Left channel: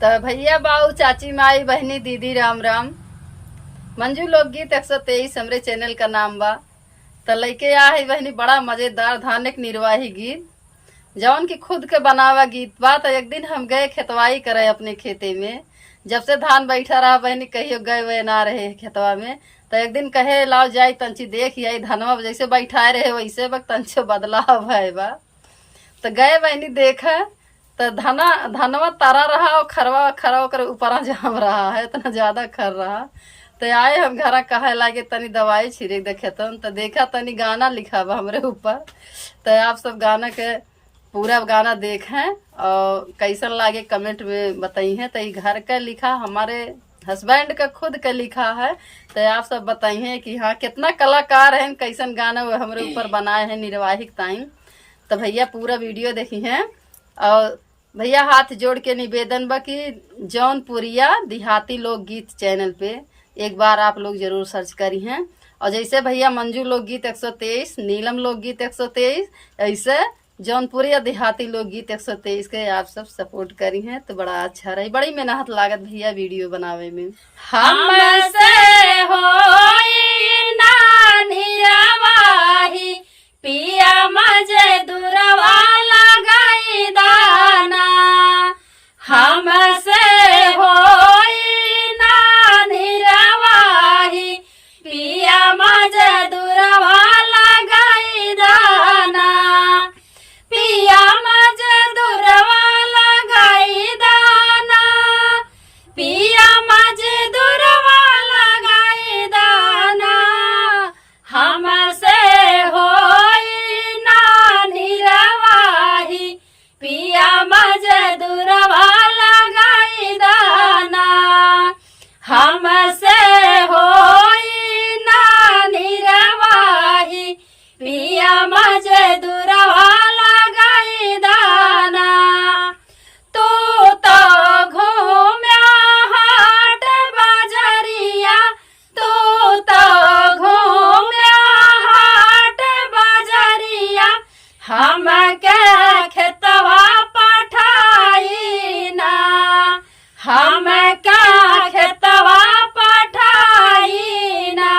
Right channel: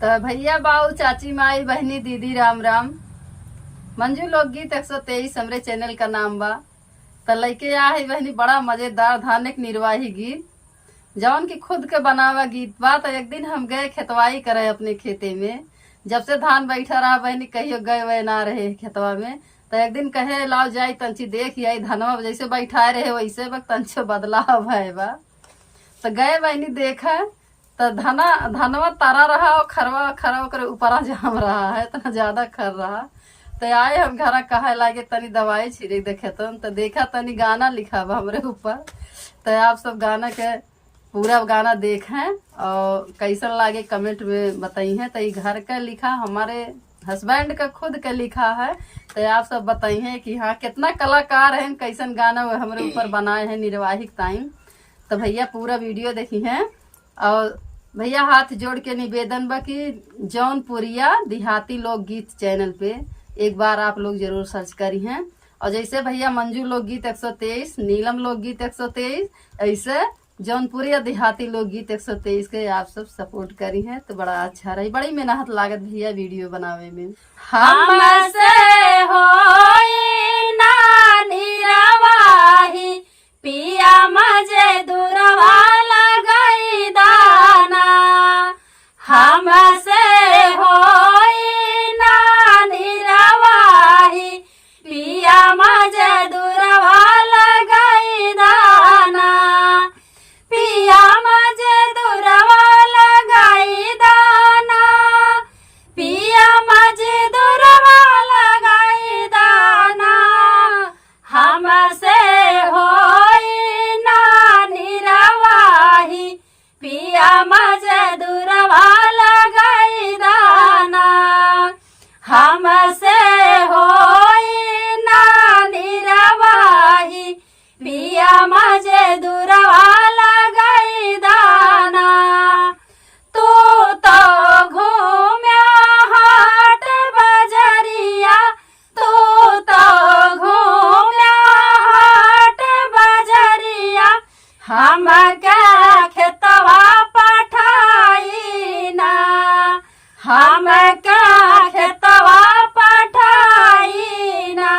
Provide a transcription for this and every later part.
तो भैया बाऊ चाची माई बहनी दीदी राम राम। मंजू लोकगीत 123 हमरे चैनल का नाम बा। तो लइके आ है बहनी बड़ा मजेदार धार्मिक निर्वाही गीत जौन की खुद के बनावा गीत बा। तो एक दिन हम गए खेतवाई करे अपने खेते में। जब से धान बैठा रहा बहनी कहियो गए वे ना रहे खेतवा में। तो एक दिन कहे लाओ जाई तंची देख आई धनवा जैसे बैठाए रहे वैसे बक तंचो बदलाव है बा। तो गए बहनी देखे तो धनवा तारा रहा और खरवा खरा कर ऊपर जाम रहा है, इतना ज्यादा खर रहा। तो आए हम घर कहे लागे तनी दवाई छिड़क देखे तो देखा तनी गाना लिखा बा हमरे ऊपर। तो आप सब गाना के पूरा गाना देखें और कैसन लागे कमेंट में बताई हैं। तो ये घर का लिखा हमारे हस्बैंड का खुद का लिखा है। तो आप सब बताई हैं कि हाँ कितना कलाकार हैं, कैसन गाना वो हमारे ऊपर बनाए हैं निर्वाहिक टाइम। तो भैया पूरा वीडियो देखी हैं और भैया हाथ जोड़ के निवेदन बा कि जौनपुरिया देहाती लोकगीत चैनल पे एक बार आप लोग जरूर सर्च करी हैं। और जैसे भैया मंजू लोकगीत 123, नीलम लोकगीत 123, ऐसे जौनपुरिया देहाती लोकगीत 123 के आप सब सपोर्ट करी हैं तो बड़ा अच्छा रही। बड़ी मेहनत लागत भैया वीडियो बनावे में। हमसे होई ना निरवाही पिया मजदूरवा लगाई दाना। हमसे होई ना निरवाही पिया मजदूरवा लगाई दाना। पिया मजदूरवा लगाई दाना। पिया मजदूरवा लगाई दाना। हमसे होई ना निरवाही पिया मजदूरवा लगाई दाना। हमसे होई ना निरवाही पिया मजदूरवा लगाई दाना। तू तो घूम्या हाट बजरिया। तू तो घूम्या हाट बजरिया। हम के खेतवा पठाई ना। हम के खेतवा पठाई ना।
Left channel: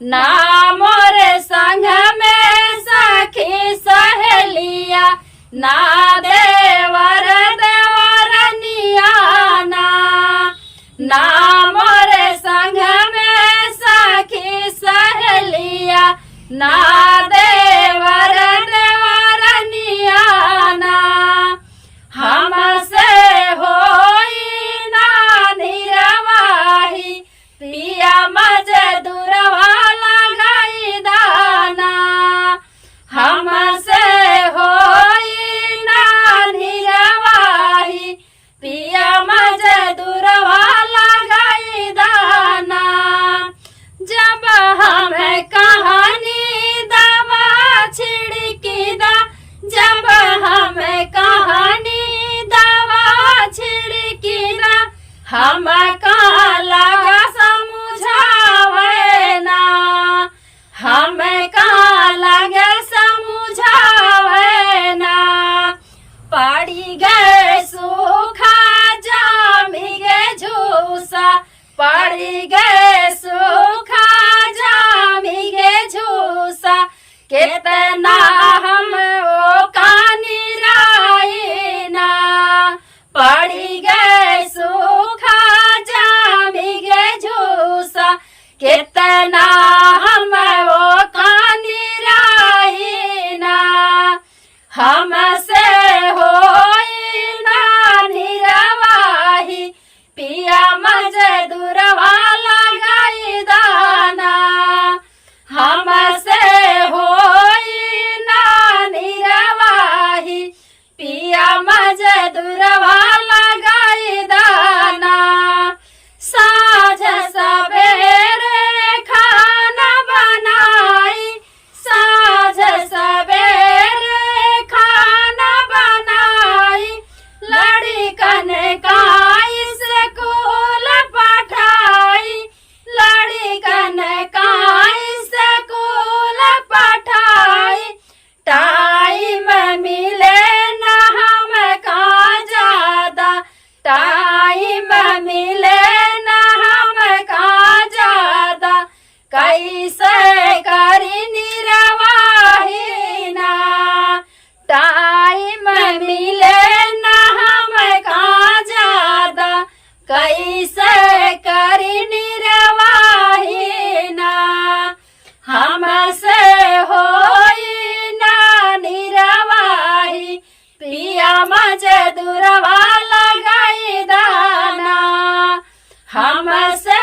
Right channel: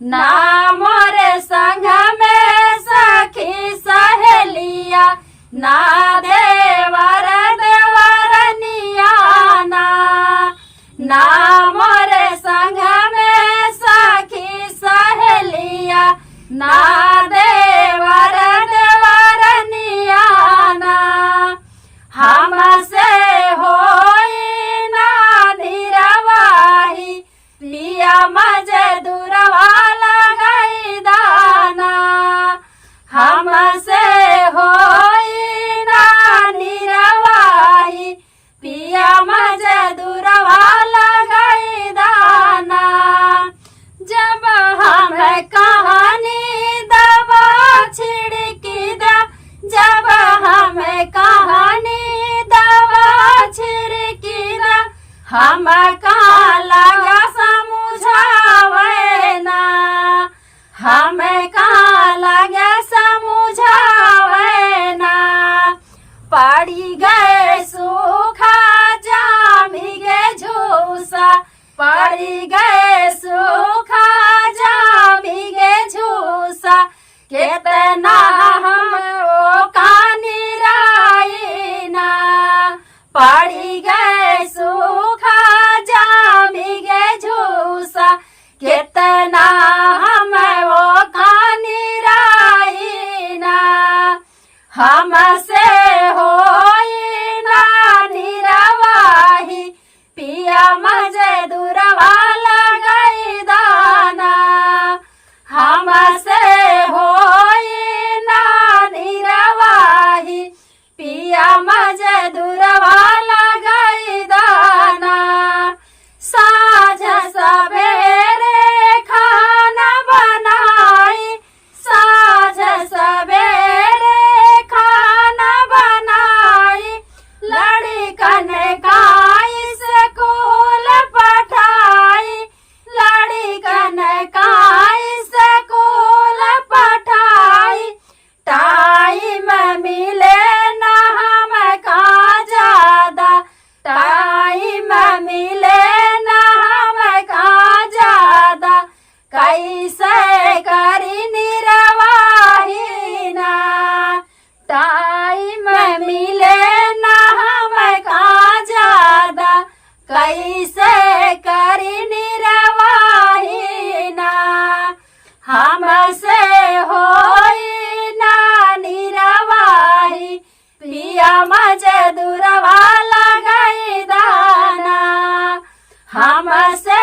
ना मोरे संग में सखी सहेलिया। ना देवर देवरनिया ना। ना मोरे संग में सखी सहेलिया। ना देवर देवरनिया ना। हमसे होई ना निरवाही पिया मजदूरवा लगाई दाना। हमसे होई ना निरवाही पिया मजदूरवा लगाई दाना। जब हम कहानी दवा छिड़की दा। जब हम कहानी दवा छिड़की दा। हम का लगा समझावे ना। हम का लगे समझावे ना। पड़ी गए सूखा जामी गे झूसा। पड़ी गए सूखा जामी गे झूसा। कितना हम ओ कानी राई ना। पड़ी गए सूखा जामी गे झूसा। कितना हम ओ कानी राई ना। हमसे होई ना निरवाही पिया मजदूरवा लगाई दाना। हमसे होई ना निरवाही पिया मजदूरवा लगाई दाना। साँझ सवेरे खाना मजदूरवा लगाई दाना हमसे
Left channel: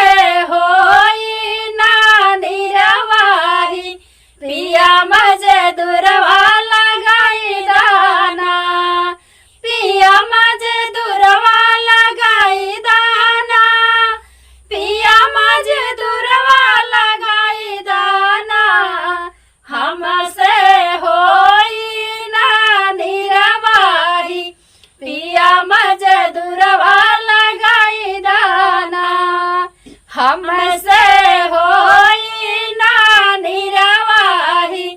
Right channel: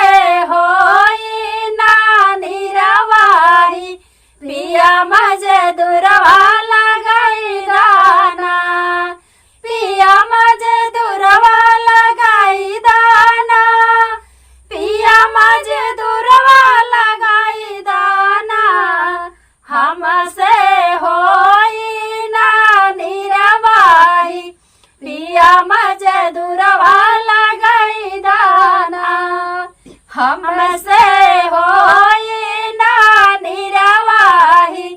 होई ना निरवाही पिया मजदूरवा लगाई दाना पिया मजदूरवा लगाई दाना पिया मजदूरवा लगाई दाना हमसे होई ना निरवाही पिया मजदूरवा लगाई दाना हमसे होई ना निरवाही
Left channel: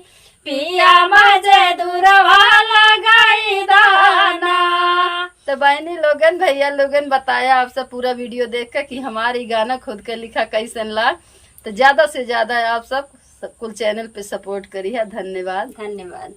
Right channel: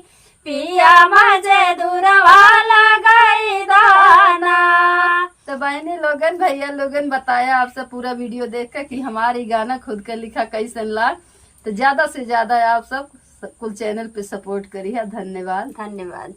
पिया मजदूरवा लगाई दाना। तो बहनी लोगन भैया लोगन बताया आप सब पूरा वीडियो देख कर कि हमारी गाना खुद का लिखा कैसन लाग। तो ज्यादा से ज्यादा आप सब कुल चैनल पे सपोर्ट करी है। धन्यवाद। धन्यवाद।